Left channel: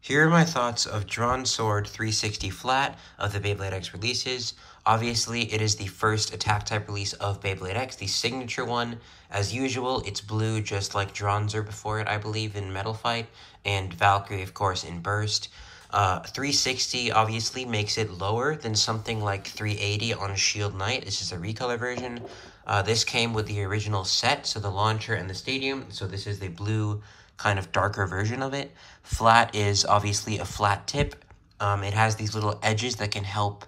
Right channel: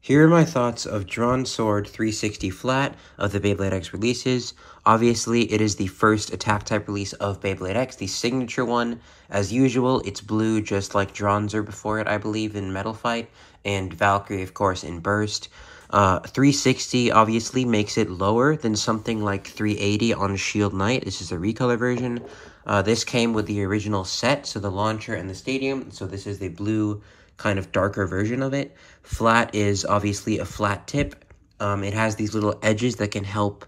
Here are my thoughts of Dransword 360 Flat of the Beyblade X releases. Obviously, it is the first attack type release of Beyblade X, the signature one. As usual, it's blue just like Dransword before it, I believe, in Metal Fight, and Valkyrie, of course, in Burst. 360 obviously makes it lower than something like 380 on Shield Knight. This is a recolor version. This came with the original set, so the launcher and the stadium. So this is the blue, kind of darker version of it. Flat is obviously a flat tip. It has these little edges that can help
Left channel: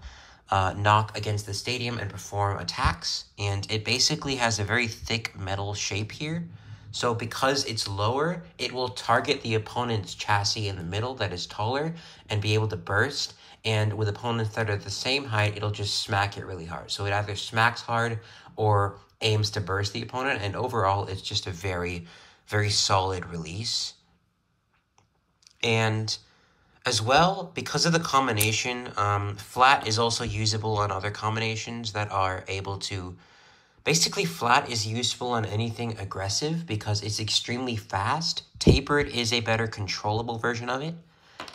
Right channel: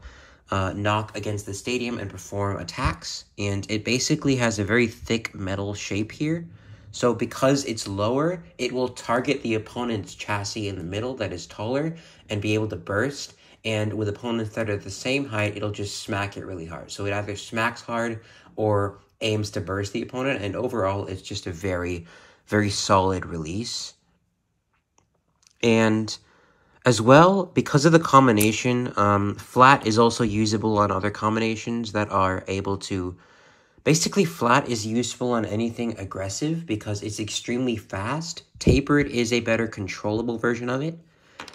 knock against the stadium and perform attacks. And it basically has a very thick metal shape here. So because it's lower, it will target the opponent's chassis in the middle that is taller and be able to burst. And with opponents that are the same height, it'll just smack it really hard. So it either smacks hard or aims to burst the opponent. And overall, it's just a very, very solid release. And as well, because of the combination, flat is also usable on other combinations that are able to... Basically, flat is useful on anything aggressive because it's extremely fast. Tapered is a better controllable version of it.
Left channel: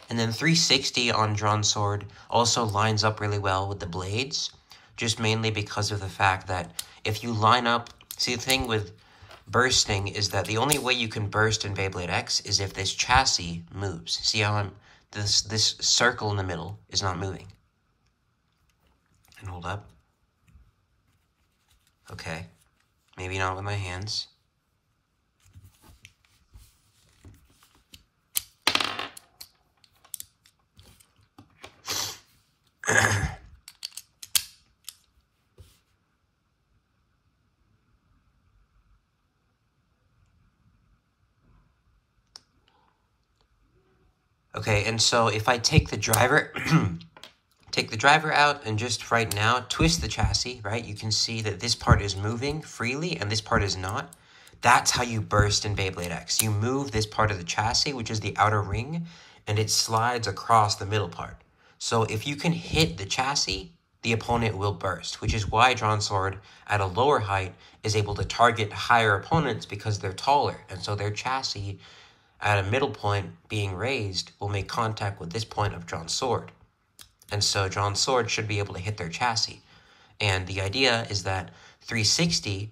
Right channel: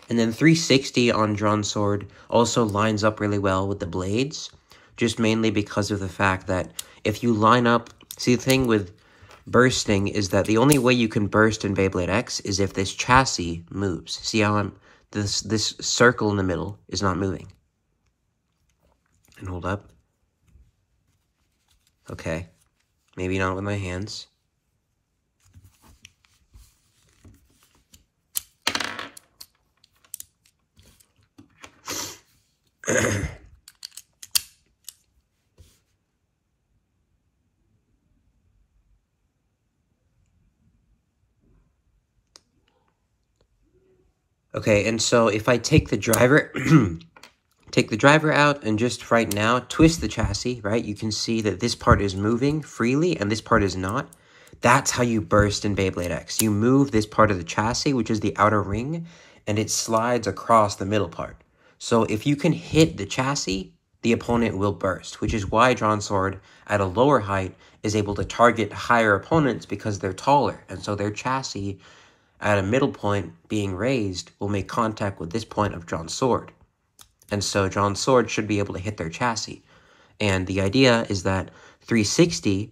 And then 360 on Dransword also lines up really well with the blades, just mainly because of the fact that if you line up... See, the thing with bursting is that the only way you can burst in Beyblade X is if this chassis moves. See how this circle in the middle is not moving. And hold up. Okay, maybe not with my hands. Okay, and so if I take the driver... Take the driver out and just right now twist the chassis, right? You can see that this part is moving freely and this part is not. That's how you burst in Beyblade X. You move this part of the chassis, which is the outer ring, and it slides across the middle part. So if you can hit the chassis, the opponent will burst, which is why Dransword at a lower height is able to target higher opponents because they're taller. And so their chassis at a middle point being raised will make contact with this point of Dransword. And so Dransword should be able to hit their chassis. And the idea is that 360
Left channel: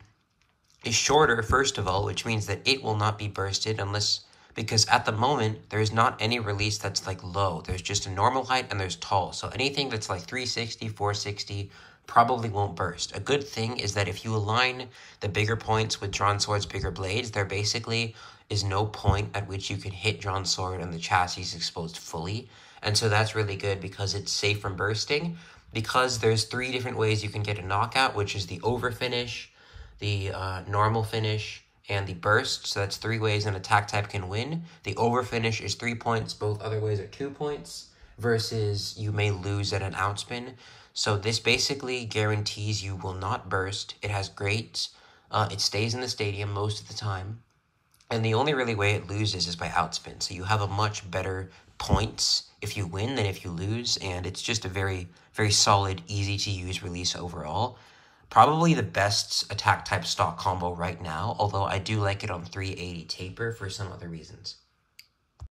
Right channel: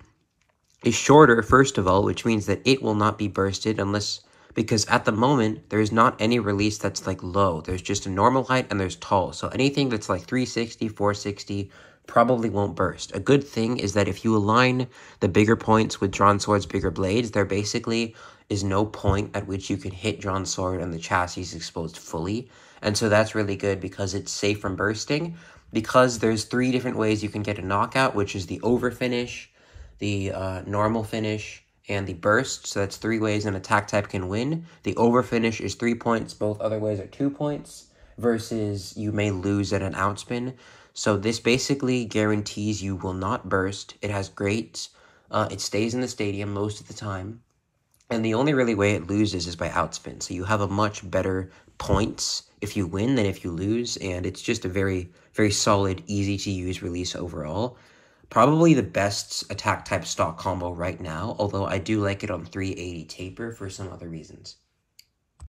is shorter, first of all, which means that it will not be bursted unless... Because at the moment, there is not any release that's like low. There's just a normal height and there's tall. So anything that's like 360, 460 probably won't burst. A good thing is that if you align the bigger points with Dransword's bigger blades, there basically is no point at which you can hit Dransword and the chassis is exposed fully. And so that's really good because it's safe from bursting. Because there's 3 different ways you can get a knockout, which is the over finish, the normal finish, and the burst. So that's 3 ways an attack type can win. The over finish is 3 points. Both other ways are 2 points. Versus you may lose at an outspin. So this basically guarantees you will not burst. It has great... it stays in the stadium most of the time. And the only really way it loses is by outspin. So you have a much better points if you win than if you lose, and it's just a very, very solid, easy-to-use release overall. Probably the best attack type stock combo right now, although I do like it on 380 taper for some other reasons.